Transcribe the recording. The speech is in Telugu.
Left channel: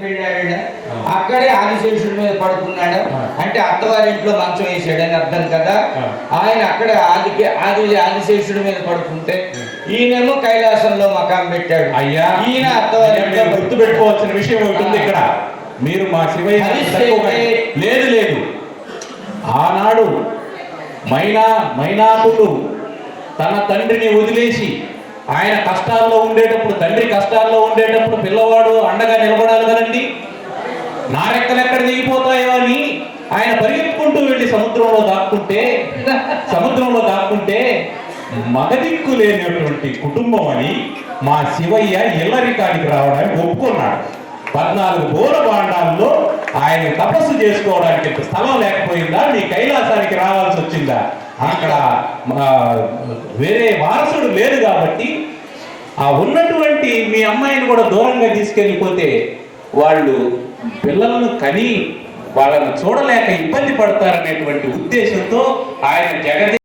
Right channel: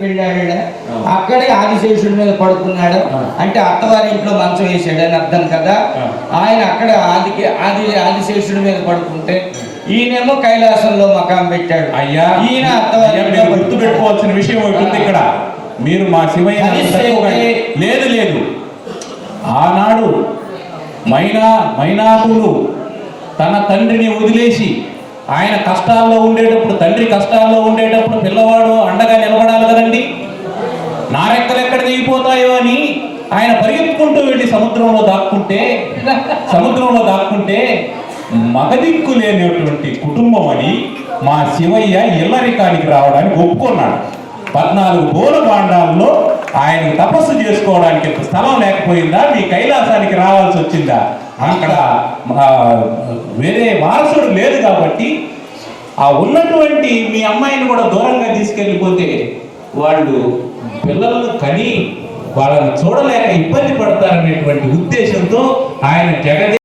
పెళ్ళాడు అక్కడే ఆదిశేషుడి మీద పడుకున్నాడు అంటే అత్తవారి ఇంట్లో మంచం వేసాడని అర్థం కదా. ఆయన అక్కడ ఆదిశేషుడి మీద పడుకుంటే ఈయనేమో కైలాసంలో మకాం పెట్టాడు. అయ్యా ఈయన అత్తవారి గుర్తు పెట్టుకోవాల్సిన విషయం ఉంటుంది ఇక్కడ. మీరు మా శివయ్య లేదు లేదు ఆనాడు మైనాకుడు తన తండ్రిని వదిలేసి ఆయన కష్టాల్లో ఉండేటప్పుడు, తండ్రి కష్టాల్లో ఉండేటప్పుడు పిల్లవాడు అండగా నిలబడాలి కదండి. నారెక్కలు ఎక్కడ దిగిపోతాయో అని ఆయన పరిగెత్తుకుంటూ వెళ్ళి సముద్రంలో దాక్కుంటే మగదిక్కు లేనటువంటి కుటుంబం అని మా శివయ్య ఇల్లరికానికి రావడానికి ఒప్పుకున్నాడు. 14 గోల బాండాల్లో ఆయన తపస్సు చేసుకోవడానికి స్థలం లేకపోయిందా? మీ కైలాసానికి రావాల్సి వచ్చిందా? అక్కడ వేరే వారసుడు లేదు కాబట్టి ఆ ఉన్నటువంటి మీ అమ్మాయిని కూడా దూరంగా తీసుకెళ్ళిపోతే వాళ్ళు పిల్లలను కని వాళ్ళని చూడలేక ఇబ్బంది పడతారనేటువంటి ఉద్దేశంతో ఆయన